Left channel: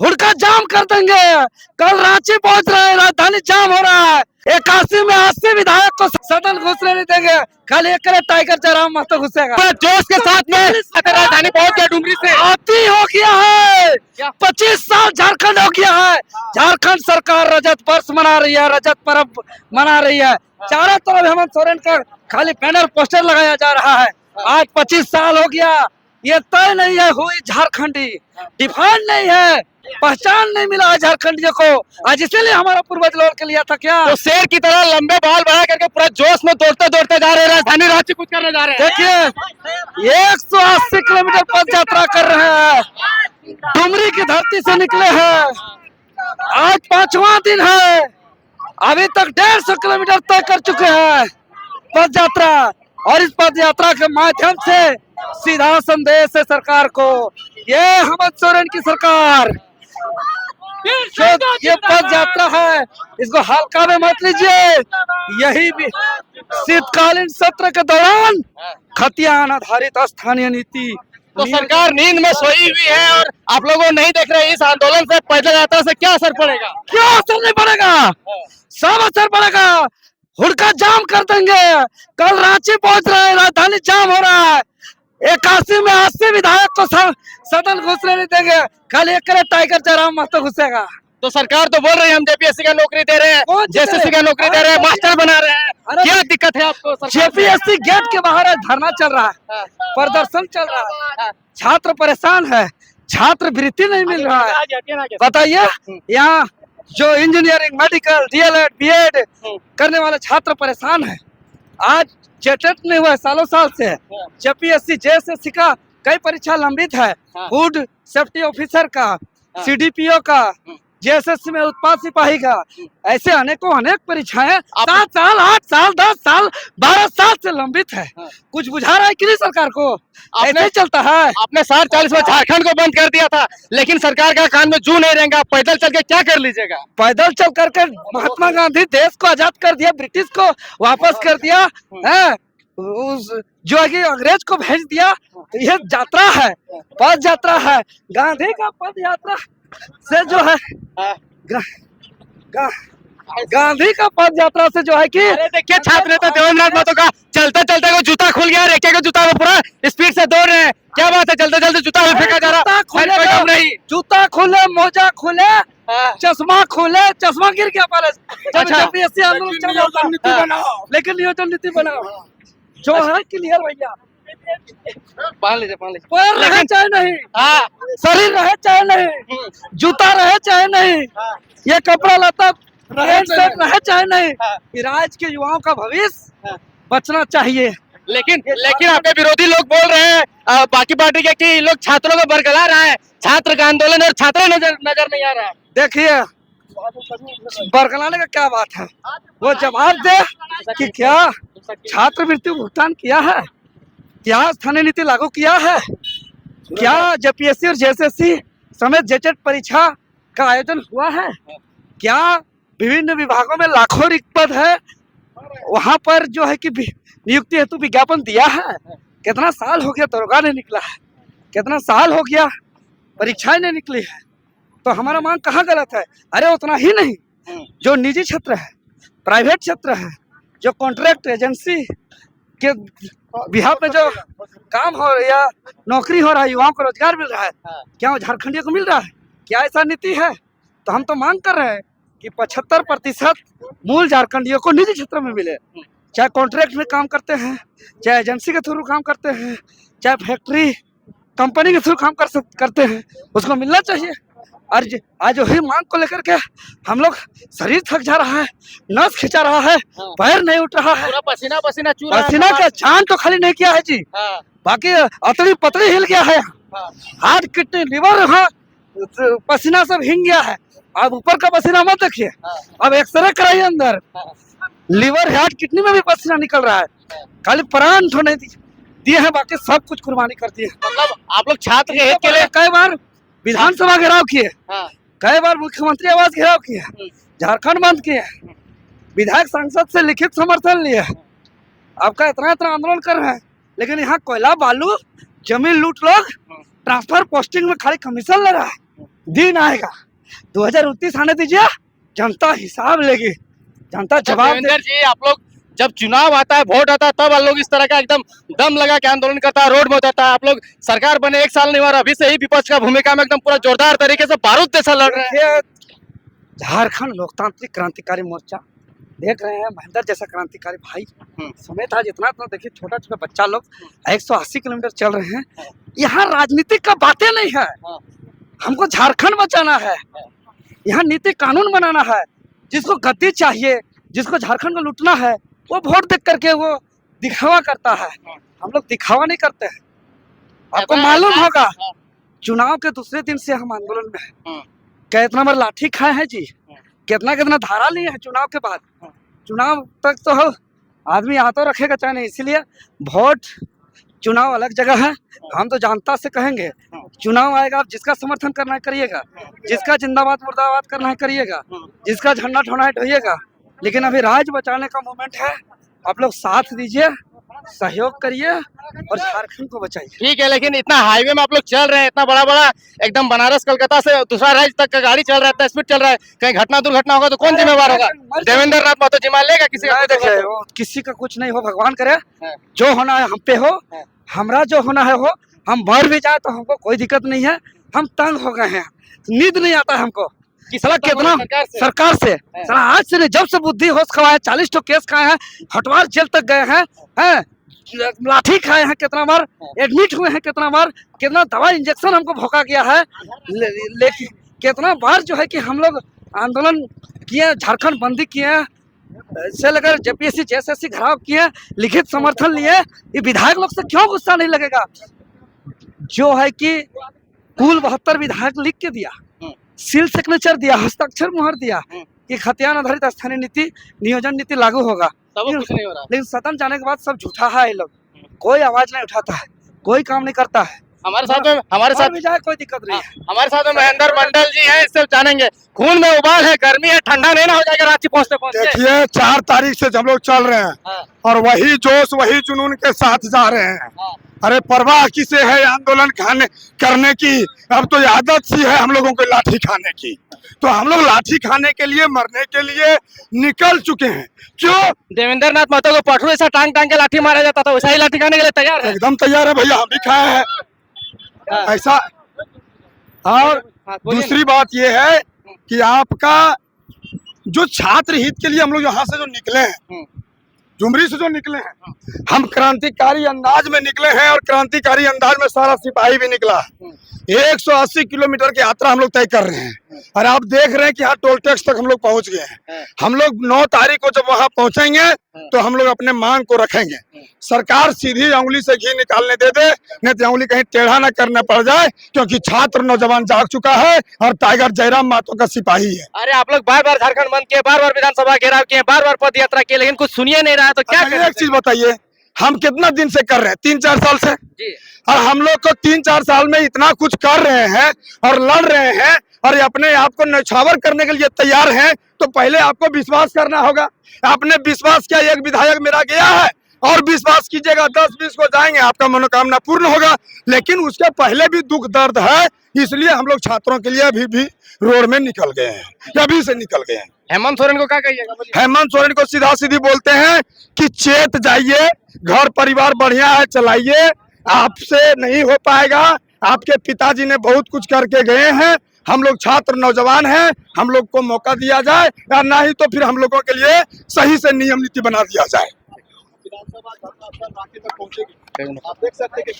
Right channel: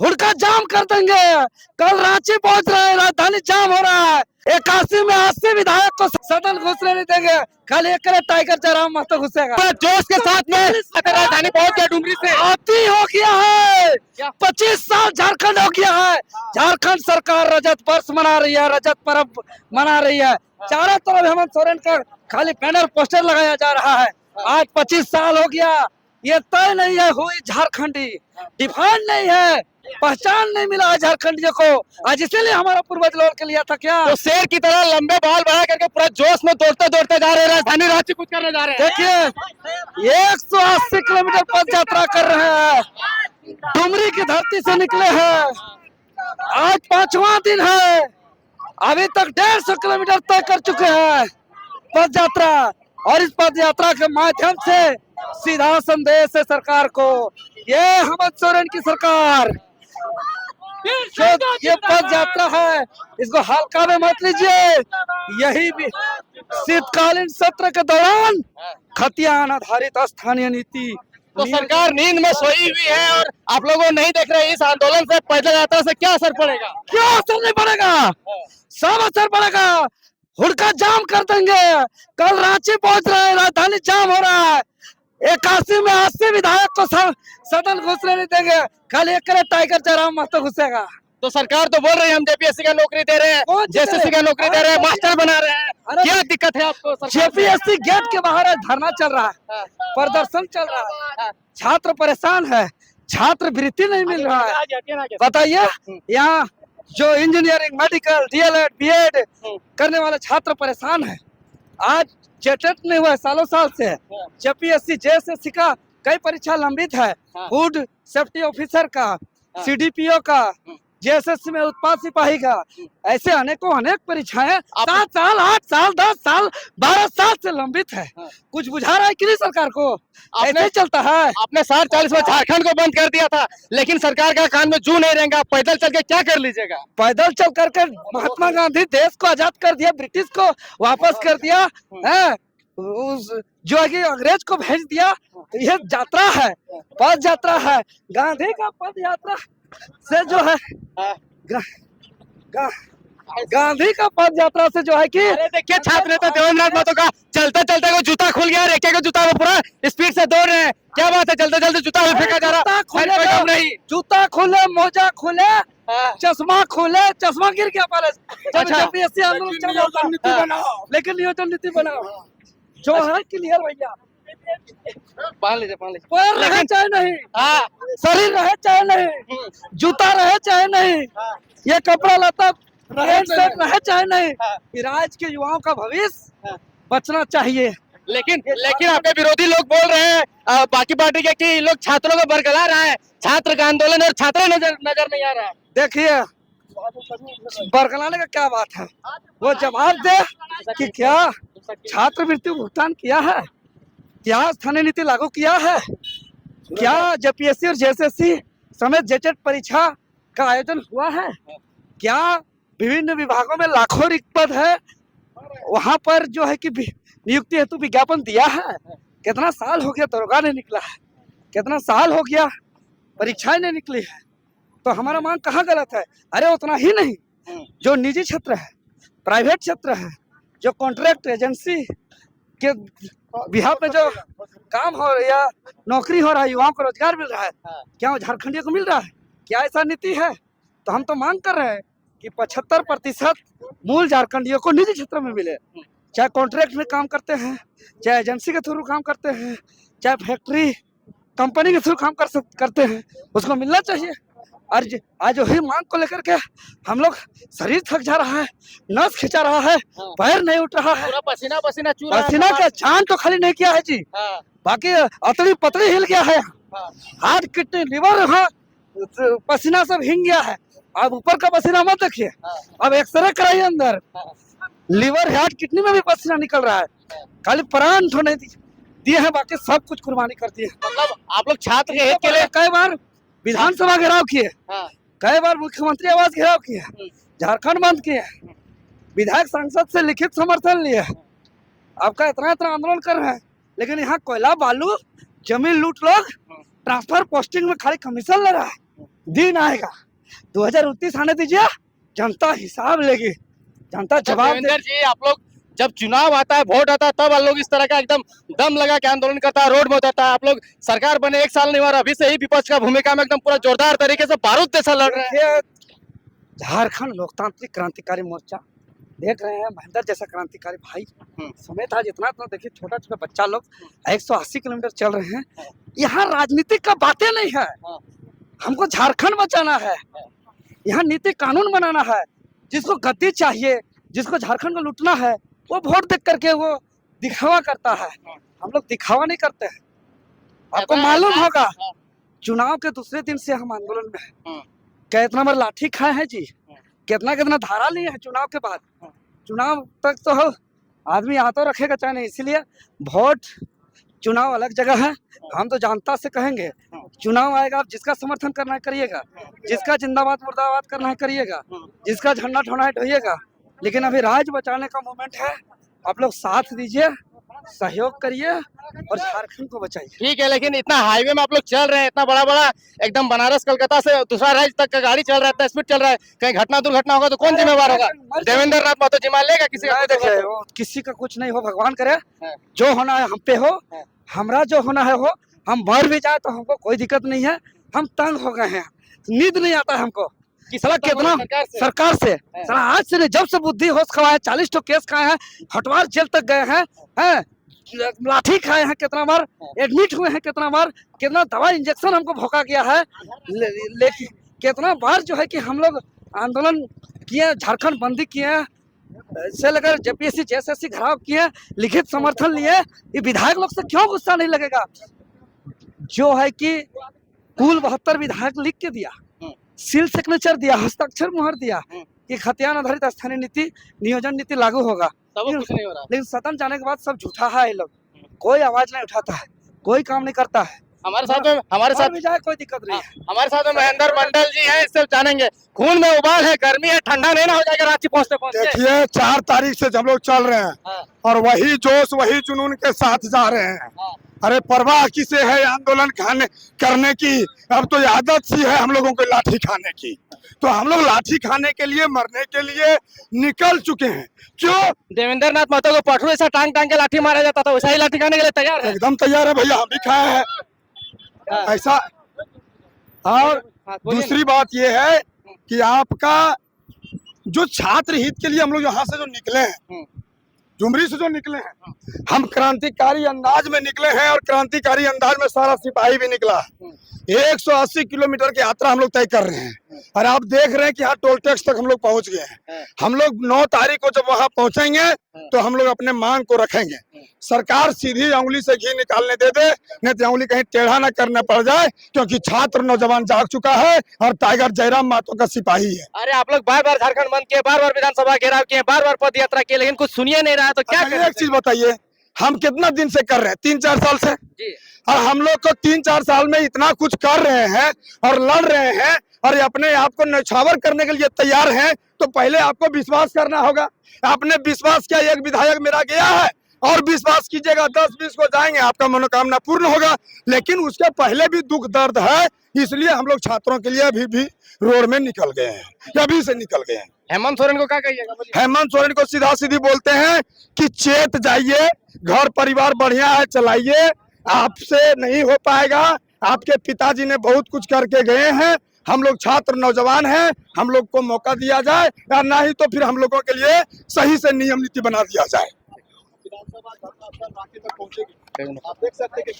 हुड़का जाम कर देंगे। कल रांची पहुंच रहे हैं, राजधानी जाम हो रहा है। 81 में 80 विधायक को सदन घुसने नहीं देंगे। कल एक टाइगर जयराम महतो घुसेगा जोश के साथ में राजधानी पहुंच गया डुमरी से। आती हो गया है, 25 साल झारखंड हो गया है। झारखंड सरकार रजत वर्ष मना रही है, रजत पर्व मना रही है। चारों तरफ हेमंत सोरेन का खाली बैनर पोस्टर लगाया जा रहा है। आज 25 साल हो गया, ये तय नहीं है हुई झारखंडी, डिफाइंड नहीं है, पहचान नहीं मिला है झारखंडियों को। आज इसीलिए हमारा पूर्वज लौट के लिया था क्या, तो शेर की तरह लंबे बाल बढ़ा करके पूरा जोश में दौड़ते दौड़ते जा रहे हैं, राजधानी रांची कुछ करने जा रहे हैं। देखिए 180 किलोमीटर पद यात्रा कर रहे हैं, डुमरी की धरती से निकले हैं। आज 5वां दिन है, अभी तक 150 किलोमीटर तय कर चुके हैं पद यात्रा। और इस पद यात्रा के माध्यम से सीधा संदेश है सरकार को, ये हेमंत सोरेन की सरकार, ये पद यात्रा है, इसको हल्का में मत लीजिए। यही भी शीतकालीन सत्र के दौरान खतियान आधारित स्थानीय नीति। तो सरकार नींद में सोई हुई है और आप लोगों नहीं देख रहे हैं। इस आंदोलन से, पैदल यात्रा से क्या असर पड़ेगा? क्या असर नहीं पड़ेगा, सब असर पड़ेगा। हुड़का जाम कर देंगे। कल रांची पहुंच रहे हैं, राजधानी जाम हो रहा है। 81 में 80 विधायक को सदन घुसने नहीं देंगे। कल एक टाइगर जयराम महतो घुसेगा। तो सरकार तो बोल रही है हम जेपीएससी का नौकरी दे रहे हैं, जेएसएससी का नौकरी दे रहे हैं, मास्टर बना रहे हैं। क्या दिक्कत है आपको? जेपीएससी गेट के बाहर धरना चल रहा है, प्रदर्शन चल रहा है, छात्र परेशान है, छात्रवृत्ति नहीं मिल रहा है। बताइए, यहाँ जो इंजीनियरिंग, मेडिकल, डीएलएड, बीएड करने वाले छात्र परेशान है। आज जेटेट नहीं हुआ सालों साल से। जेपीएससी, जेएसएससी का कई परीक्षा लंबित है। फूड सेफ्टी ऑफिसर का, सीडीपीओ का, जेएसएससी में उत्पाद सिपाही का, ऐसे अनेक परीक्षाएं 7 साल, 8 साल, 10 साल, 12 साल से लंबित है। कुछ बुझा रहा है कि नहीं सरकार को? ऐसे चलता है। आपने 40 में झारखंड को बंद कर दिया था, लेकिन सरकार का कान में जू नहीं रहेगा। पैदल चल के क्या कर लीजिएगा? पैदल चल करके महात्मा गांधी देश को आजाद कर दिया, ब्रिटिश को वापस कर दिया है, जो है कि अंग्रेज को भेज दिया। यह यात्रा है, पद यात्रा है। गांधी का पद यात्रा से जो है गांधी का पद यात्रा से जो है कि देखिए छात्र नेता देवेंद्र महतो का चलते चलते वो जूता खुल गया। रेखे का जूता वो पूरा स्पीड से दौड़ रहे हैं। क्या बात है, चलते चलते जूता भी फेंका जा रहा है। जूता खुले, मोजा खुले, चश्मा खुले, चश्मा गिर गया पहले जब जेपीएससी आंदोलन चल रहा था। लेकिन नियोजन नीति बनाओ जो है क्लियर भैया, पैर रहे चाहे नहीं, शरीर रहे चाहे नहीं, जूता रहे चाहे नहीं, ये कपड़ा लता रहे चाहे नहीं, राज्य के युवाओं का भविष्य बचना चाहिए। लेकिन आपके विरोधी लोग बोल रहे हैं, बाकी पार्टी के, कि लोग छात्रों को बरगला रहा है, छात्र का आंदोलन और छात्र नजर नहीं आ रहा है। देखिए बरगलाने का क्या बात है, वो जवाब दे कि क्या छात्रवृत्ति भुगतान किया है, क्या स्थानीय नीति लागू किया है, क्या जेपीएससी और जेएसएससी समेत जेटेट परीक्षा का आयोजन हुआ है, क्या विभिन्न विभागों में लाखों रिक्त पद है, वहां पर जो है कि नियुक्ति हेतु विज्ञापन दिया है। कितना साल हो गया दरोगा नहीं निकला है, कितना साल हो गया परीक्षाएं नहीं निकली है। तो हमारा मांग कहाँ गलत है? अरे उतना ही नहीं, जो निजी क्षेत्र है, प्राइवेट क्षेत्र है, जो कॉन्ट्रैक्ट एजेंसी के बिहार में जो काम हो रहा है, नौकरी हो रहा है, युवाओं को रोजगार मिल रहा है, क्या वो झारखंडियों को मिल रहा है? क्या ऐसा नीति है? तो हम तो मांग कर रहे हैं कि 75% मूल झारखंडियों को निजी क्षेत्र में मिले, चाहे कॉन्ट्रैक्ट में काम करते हैं, चाहे एजेंसी के थ्रू काम करते हैं, चाहे फैक्ट्री कंपनी के थ्रू काम करते हैं, उसको मिलना चाहिए। और आज वही मांग को लेकर के हम लोग, शरीर थक जा रहा है, नस खिंचा रहा है, पैर नहीं उठ रहा है, पसीना का छान तो खाली नहीं किया है जी, बाकी अतड़ी पतड़ी हिल गया है, हार्ट, किडनी, लिवर, पसीना सब हिंग गया है। अब ऊपर का पसीना मत देखिए, अब एक्सरे कराइए अंदर, लिवर, हार्ट, किडनी में भी पसीना निकल रहा है। खाली प्राण तो नहीं दिए हैं, बाकी सब कुछ कुर्बानी कर दी है। मतलब आप लोग छात्र के हित के लिए कई बार विधानसभा घेराव किए, कई बार मुख्यमंत्री आवास घेराव किए, झारखंड बंद किए, विधायक सांसद से लिखित समर्थन लिए, आपका इतना आंदोलन कर रहे हैं, लेकिन यहाँ कोयला, बालू, जमीन लूट लोग ट्रांसफर पोस्टिंग में खाली कमीशन ले रहा है। दिन आएगा 2029 आने दीजिए, जनता हिसाब लेगी, जनता जवाब देवेंद्र जी, आप लोग जब चुनाव आता है, वोट आता है, तब आप लोग इस तरह का एकदम दम लगा के आंदोलन करता है, रोड में उतरता है। आप लोग सरकार बने 1 साल नहीं हुआ, अभी से ही विपक्ष का भूमिका में एकदम पूरा जोरदार तरीके से बारूद जैसा लड़ रहे हैं। देखिए, झारखंड लोकतांत्रिक क्रांतिकारी मोर्चा देख रहे हैं, महेंद्र जैसा क्रांतिकारी भाई समेत आज इतना तो देखिए छोटा छोटा बच्चा लोग 180 किलोमीटर चल रहे हैं। यहाँ राजनीतिक का बातें नहीं है, हमको झारखंड बचाना है, यहाँ नीति कानून बनाना है। जिसको गद्दी चाहिए, जिसको झारखंड को लूटना है, वो वोट देख करके वो दिखावा करता है। हम लोग दिखावा नहीं करते हैं। आपको मालूम होगा चुनाव के दूसरे दिन से हम आंदोलन में हैं। कितना बार लाठी खाए हैं जी, कितना कितना धारा लिए हैं चुनाव के बाद। चुनाव तक तो आदमी हाथों रखेगा चाहे नहीं, इसीलिए वोट चुनाव अलग जगह है। हम तो जनता से कहेंगे चुनाव आएगा, आप जिसका समर्थन करना है करिएगा, जिसका जिंदाबाद मुर्दाबाद करना है करिएगा, जिसका झंडा ठोना है ढोइएगा। लेकिन अभी राज्य बचाने का मोमेंट है, आप लोग साथ दीजिए, सहयोग करिए और झारखंड को बचाइए। ठीक है, लेकिन इतना हाईवे में आप लोग चल रहे हैं, इतना बड़ा बड़ा एकदम बनारस कलकत्ता से दूसरा राज्य तक का गाड़ी चल रहा है, इतना स्पीड चल रहा है, कहीं घटना दुर्घटना होगा तो कौन जिम्मेवार होगा? देवेंद्र नाथ महतो जिम्मेवार लेगा? किसी का देखिए, वो किसी का कुछ नहीं हो, भगवान करे जो होना है हम पे हो, हमरा जो होना है हो। हम बढ़ भी जाए तो हमको कोई दिक्कत नहीं है। हम तंग हो गए हैं, नींद नहीं आता है हमको। साला कितना सरकार से साला आज से नहीं, जब से बुद्धि होश खवाए 40 तो केस खाए हैं, हटवार जेल तक गए हैं, लाठी खाए हैं, कितना बार एडमिट हुए हैं, कितना बार कितना दवा इंजेक्शन हमको भोंका गया है। लेकिन कितना बार जो है कि हम लोग आंदोलन किए, झारखंड बंदी किए, से लेकर जेपीएससी जेएसएससी घराव किए, लिखित समर्थन लिए। ये विधायक लोग से क्यों गुस्सा नहीं लगेगा? जो है कि कुल 72 विधायक लिख के दिया, सील सिग्नेचर दिया, हस्ताक्षर मुहर दिया कि खतियान आधारित स्थानीय नीति नियोजन नीति लागू होगा। कुछ नहीं हो रहा। लेकिन सदन जाने के बाद सब झूठा है, ये लोग कोई आवाज नहीं उठाता है, कोई काम नहीं करता है। हमारे साथ भी जाए कोई दिक्कत नहीं है। हमारे साथ में महेंद्र मंडल जी हैं, इससे जानेंगे। खून में उबाल है, गर्मी है, ठंडा नहीं ना हो जाएगा रांची पहुंचते पहुंचते? देखिए, 4 तारीख से हम लोग चल रहे हैं और वही जोश वही जुनून के साथ जा रहे हैं। अरे परवाह किसे है आंदोलन करने की? अब तो आदत सी है हम लोगों को लाठी खाने की, तो हम लोग लाठी खाने के लिए, मरने के लिए निकल चुके हैं। क्यों? देवेंद्र नाथ महतो को पटरू ऐसा टांग टांग के लाठी मारा जाता था, वैसा ही लाठी खाने के लिए तैयार है? एकदम तैयार है भैया, हम भी खाए हैं ऐसा। और दूसरी बात ये है कि आपका जो छात्र हित के लिए हम लोग यहाँ से जो निकले हैं, झुमरी से जो निकले हैं, हम क्रांतिकारी अंदाज में निकले हैं और क्रांतिकारी अंदाज में सारा सिपाही भी निकला है। 180 किलोमीटर की यात्रा हम लोग तय कर रहे हैं और आप देख रहे हैं कि यहाँ टोल टैक्स तक हम लोग पहुंच गए हैं। हम लोग 9 तारीख को जब वहां पहुंचेंगे तो हम लोग अपने मांग को रखेंगे। सरकार सीधी उंगली से घी निकालने दे दे, नहीं तो उंगली कहीं टेढ़ा न करना पड़ जाए, क्योंकि छात्र नौजवान जाग चुका है और टाइगर जयराम महतो का सिपाही है। अरे आप लोग बार बार झारखंड बंद किए, बार बार विधानसभा घेराव किए, बार बार पद यात्रा किए, लेकिन कुछ सुनिए नहीं रहा, तो क्या करें? एक चीज बताइए, हम कितना दिन से कर रहे हैं? 3-4 साल से जी। और हम लोग को 3-4 साल में इतना कुछ कर रहे हैं और लड़ रहे हैं और अपने आप को न्यौछावर करने के लिए तैयार हैं, तो पहले आपको विश्वास करना होगा। आपने विश्वास किया, एक विधायक मेरा गया है, और विश्वास कीजिएगा 10-20 को जाएंगे, आपका मनोकामना पूर्ण होगा। लेकिन उसके पहले भी दुख दर्द है, इसलिए हम लोग छात्रों के लिए अभी भी रोड में निकल गए हैं, अभी से निकल गए हैं। हेमंत सोरेन को क्या कहिएगा? हेमंत सोरेन को सीधा सीधी बोलते हैं कि चेत जाइए, घर परिवार बढ़िया है, चलाइए, आपसे नहीं हो पाएगा। आपके पिताजी ने बहुत कुछ करके गए हैं, हम लोग छात्र नौजवान हैं, हम लोग को मौका दिया जाए, या नहीं तो फिर हम लोगों के लिए सही से नियम नीति बना दिया जाए। आप देख सकते हैं कि